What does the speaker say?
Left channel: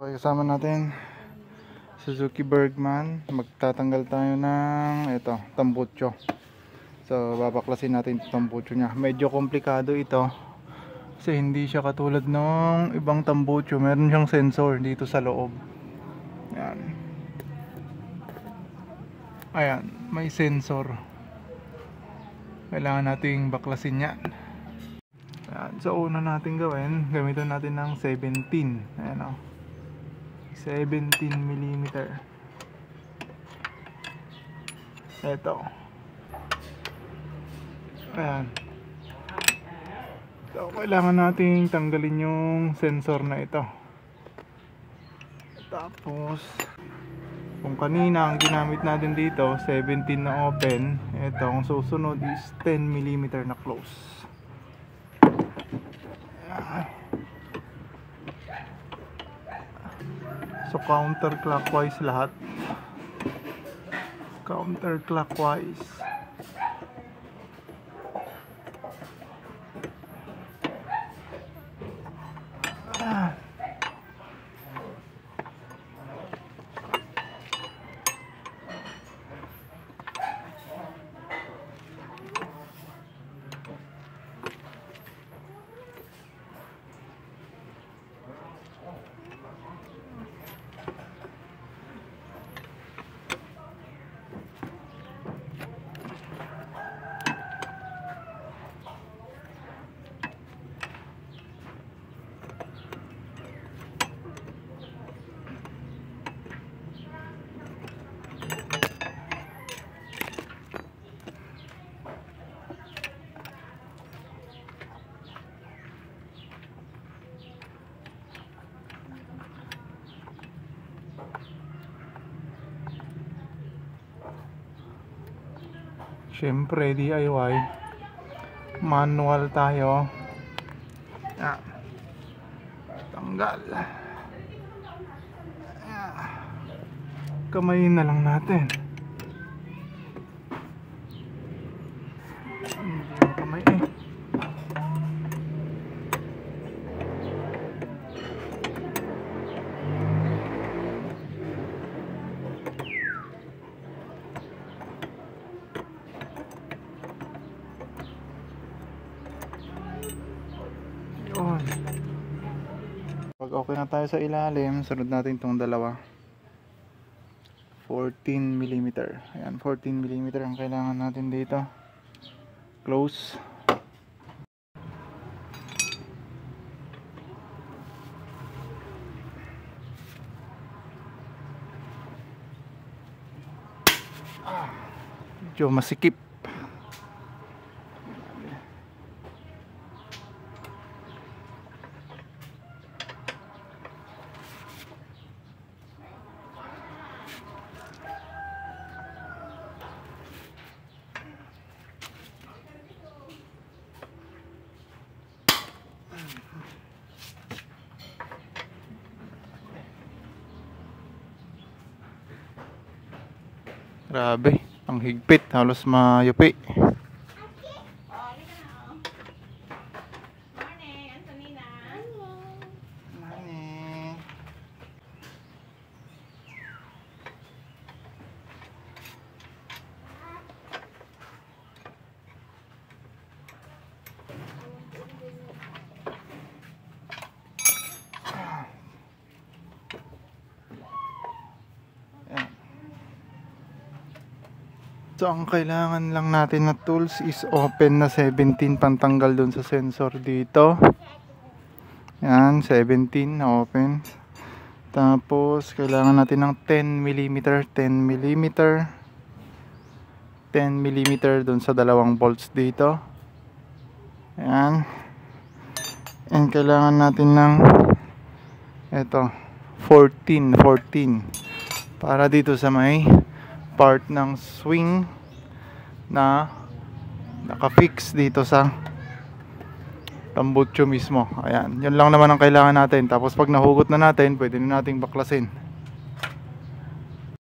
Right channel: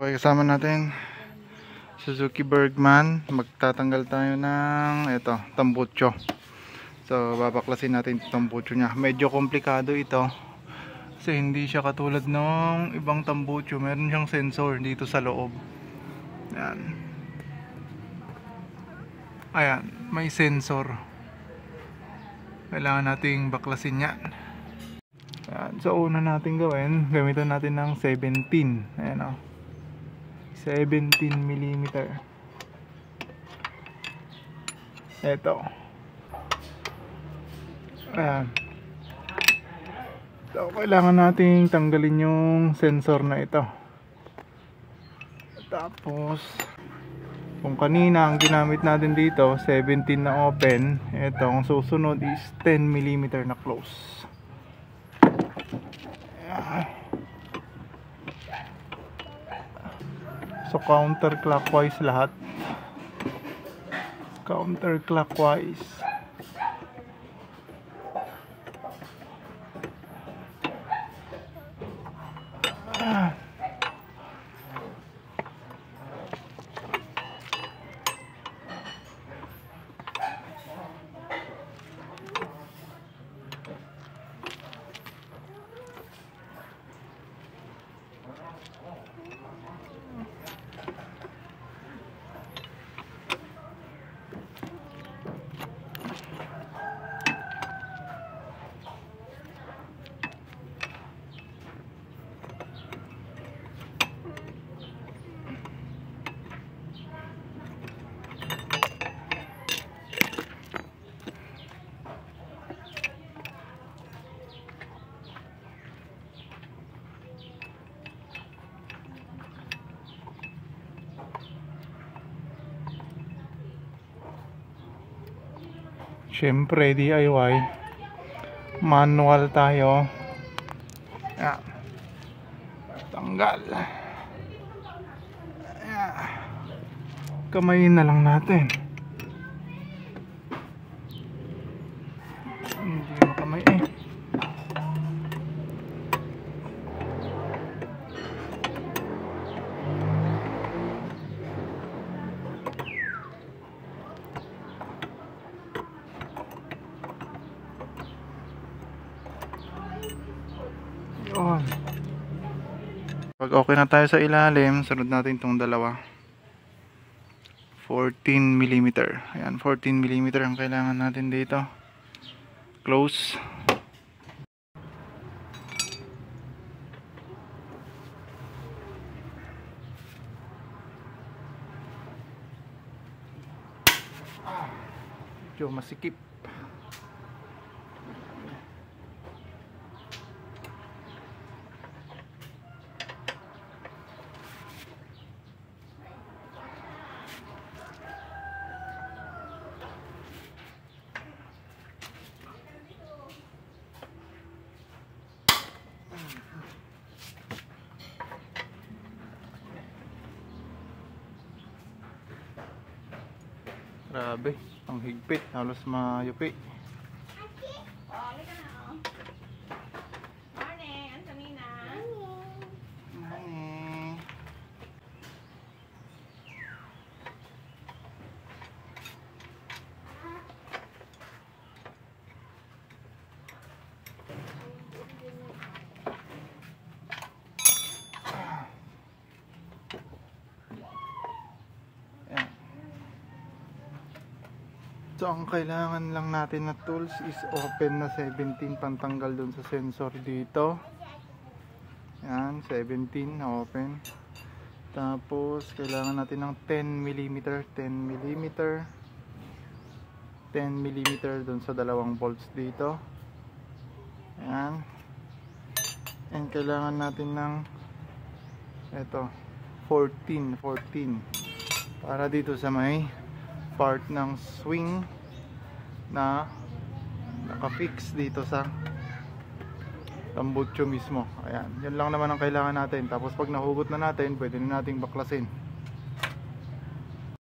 Okay, kasama natin Suzuki Bergman. Magtatanggal tayo ng tambucho. So babaklasin natin yung tambucho nya. Medyo komplikado ito kasi hindi siya katulad ng ibang tambucho. Meron siyang sensor dito sa loob. Ayan, may sensor. Kailangan nating baklasin yan. So una natin gawin, gamitan natin ng 17. Ayan o, 17mm. Ito. Ayan. So kailangan nating tanggalin yung sensor na ito. Tapos kung kanina ang ginamit natin dito 17 na open, ito ang susunod is 10mm na close. So counterclockwise lahat. Counterclockwise. Siyempre DIY, manual tayo. Ayan. Tanggal. Ayan. Kamayin na lang natin. Hindi mo kamay eh. Pag okay na tayo sa ilalim, sunod natin itong dalawa. 14mm. Ayan, 14mm ang kailangan natin dito. Close. Medyo masikip. Grabe, ang higpit, halos mayupi. So ang kailangan lang natin na tools is open na 17 pantanggal dun sa sensor dito. Yan, 17 na open. Tapos kailangan natin ng 10mm, 10mm, 10mm dun sa dalawang bolts dito. Yan. And kailangan natin ng 14 para dito sa may part ng swing na nakafix dito sa tambucho mismo. Ayan, yun lang naman ang kailangan natin. Tapos pag nahugot na natin, pwede na nating baklasin.